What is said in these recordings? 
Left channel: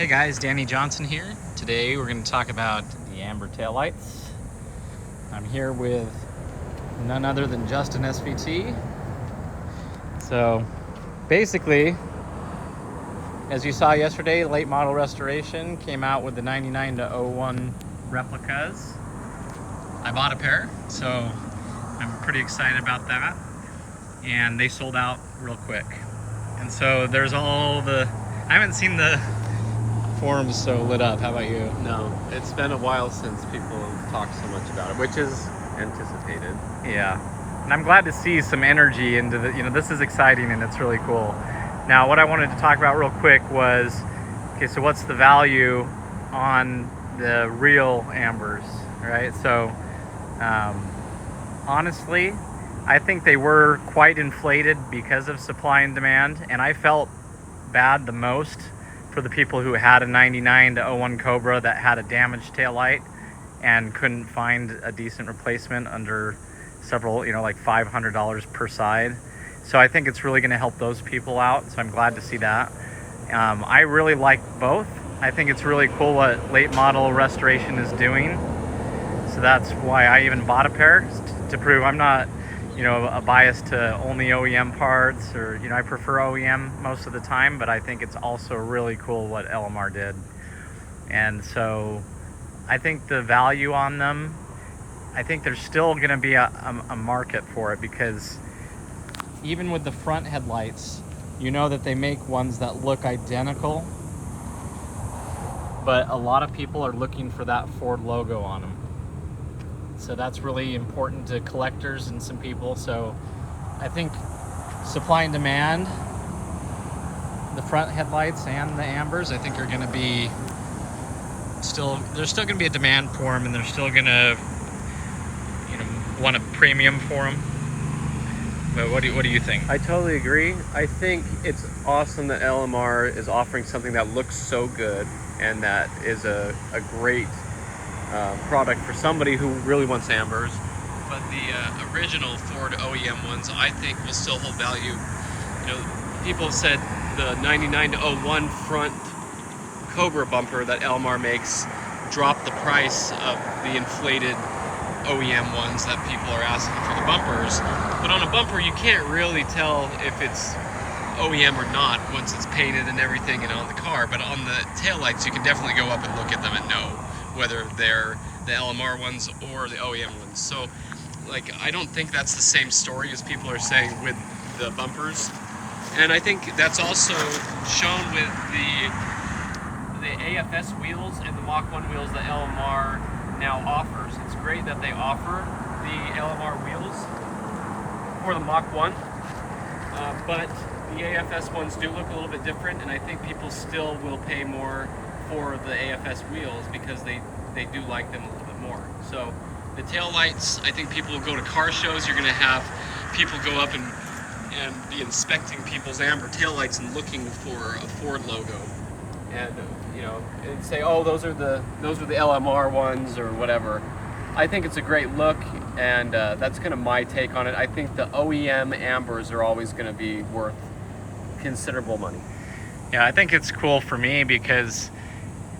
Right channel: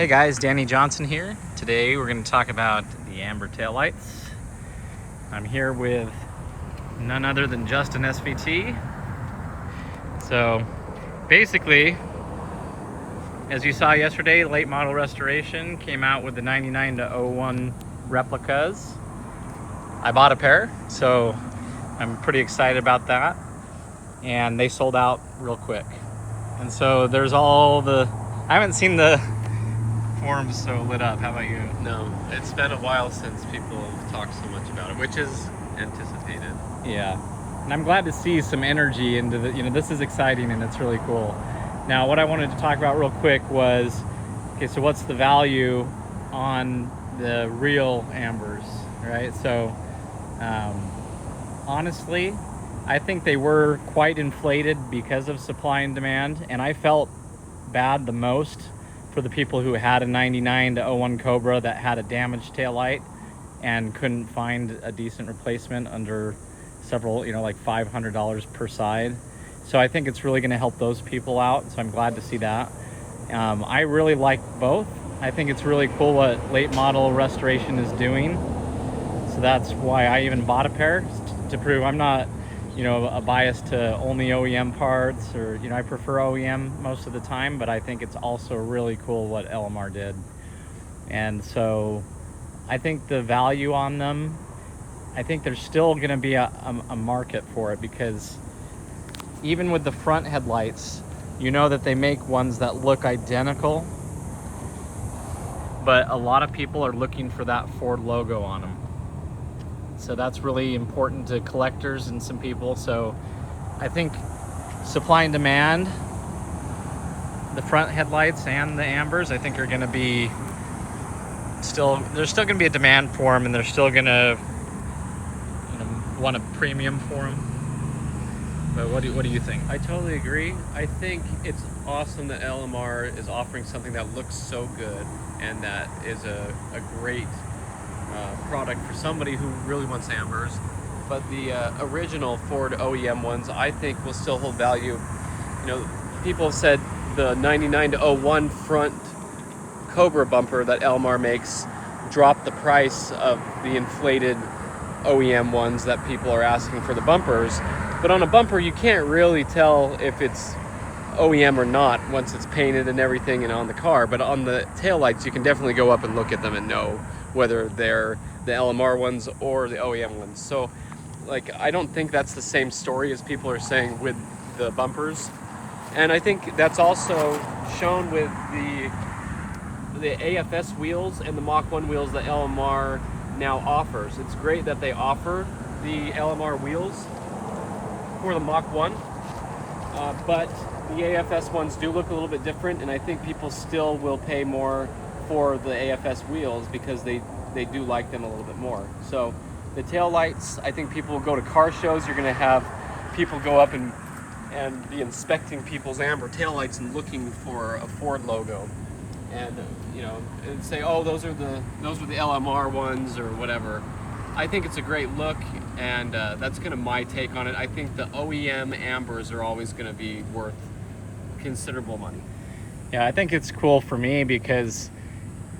Hey guys, Danny Johnson here. Today we're going to talk about the amber taillights. I'm here with none other than Justin SVT. So basically, as you saw yesterday, late model restoration came out with the 99 to 01 replicas. I bought a pair, so I'm pretty excited about that. And they sold out real quick. And so there's all the, I haven't seen the forums so lit up. How about you? No, it's been a while since people have talked so much about it, which is anticipated. Yeah, and I'm glad to see some energy into the, this is exciting and it's really cool. Now, what I wanted to talk about real quick was, okay, so what's the value on the real ambers, right? So, honestly, I think they were quite inflated because of supply and demand, and I felt bad the most for the people who had a 99 to 01 Cobra that had a damaged taillight and couldn't find a decent replacement under several, like $500 per side. So I think it's really going to help those people out. So I'm glad to see that. I really like both. I think it's really cool what late model restoration is doing. So that's why I even bought a pair, to prove I'm not, a bias to only OEM parts, or, I prefer OEM most of the time, but I think it's also really cool what LMR did. And so I think the value on them, I think there's still going to be a market for it, because even with the front headlights, that they make ones that look identical, but a lot of people are looking for that Ford logo on them. So that's really important to collectors and some people. So I think supply and demand, the front headlights and the ambers, I think are going to be there's still going to be a demand for them, and they're still going to, want a premium for them. But what do you think? I totally agree. I think it's awesome that LMR is offering something that looks so good and that is a great product for somebody who really wants ambers. But the original Ford OEM ones, I think, will still hold value. People have said the 99 to 01 front Cobra bumper that LMR makes dropped the price of the inflated OEM ones that people are asking for the bumpers. But on a bumper, you can't really tell if it's OEM or not once it's painted and everything and on the car. But on the taillights, you can definitely go up and look at them and know whether they're the LMR ones or the OEM ones. So, I don't think that's the same story as people are saying with the bumpers. And I think that's also shown with the AFS wheels and the Mach 1 wheels that LMR now offers. It's great that they offer the LMR wheels for the Mach 1, but the AFS ones do look a little bit different, and I think people still will pay more for the AFS wheels because they do like them a little bit more. So the tail lights, I think people will go to car shows. You're going to have people go up and be inspecting people's amber tail lights and looking for a Ford logo, and and say, oh, those are the LMR ones or whatever. I think it's a great look, and that's kind of my take on it. I think the OEM ambers are always going to be worth considerable money. Yeah, I think it's cool for me because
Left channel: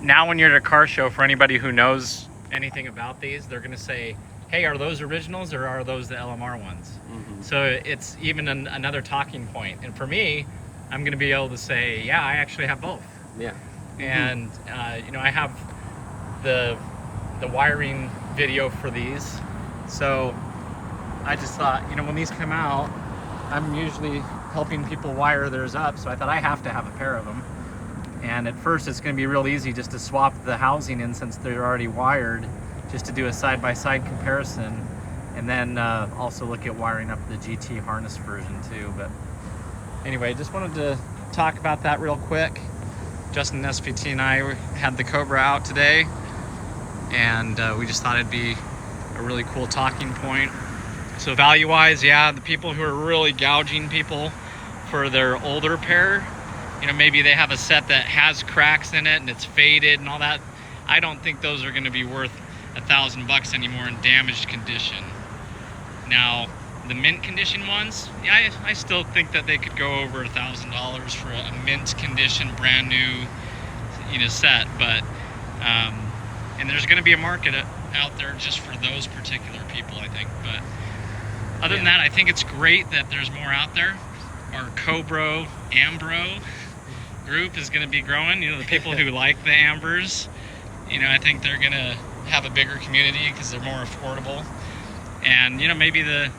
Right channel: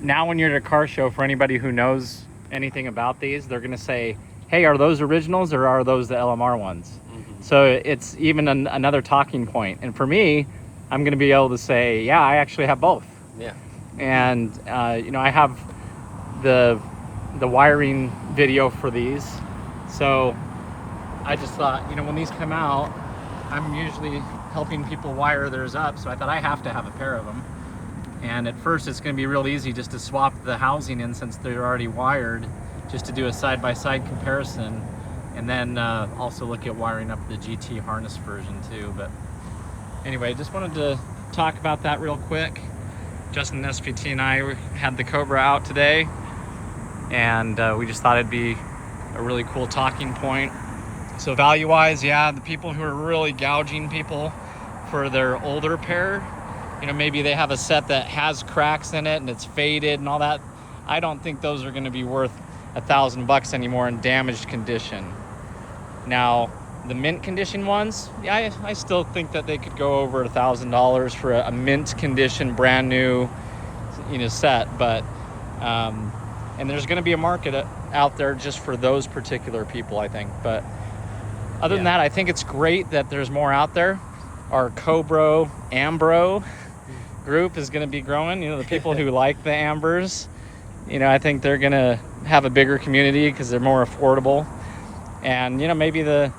now when you're at a car show, for anybody who knows anything about these, they're going to say, hey, are those originals or are those the LMR ones? Mm-hmm. So it's even another talking point. And for me, I'm going to be able to say, yeah, I actually have both. Yeah. And, I have the wiring video for these. So I just thought, when these come out, I'm usually helping people wire theirs up. So I thought I have to have a pair of them. And at first it's going to be real easy just to swap the housing in, since they're already wired, just to do a side-by-side comparison, and then also look at wiring up the GT harness version too. But anyway, just wanted to talk about that real quick. Justin SVT and I had the Cobra out today, and we just thought it'd be a really cool talking point. So value-wise, yeah, the people who are really gouging people for their older pair, maybe they have a set that has cracks in it and it's faded and all that. I don't think those are going to be worth $1,000 anymore in damaged condition. Now, the mint condition ones, yeah, I still think that they could go over $1,000 for a mint condition, brand new, set, but and there's going to be a market out there just for those particular people, I think. But other than that, I think it's great that there's more out there. Our Cobra Ambro group is going to be growing. The people who like the Ambers, I think they're going to have a bigger community because they're more affordable. And maybe the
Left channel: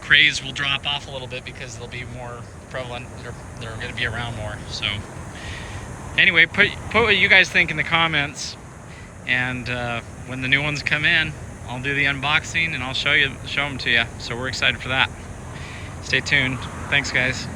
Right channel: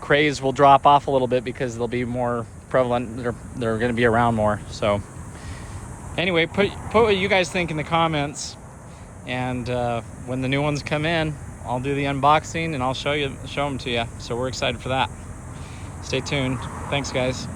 craze will drop off a little bit because they'll be more prevalent. They're going to be around more. So anyway, put what you guys think in the comments, and when the new ones come in, I'll do the unboxing and I'll show them to you. So we're excited for that. Stay tuned. Thanks, guys.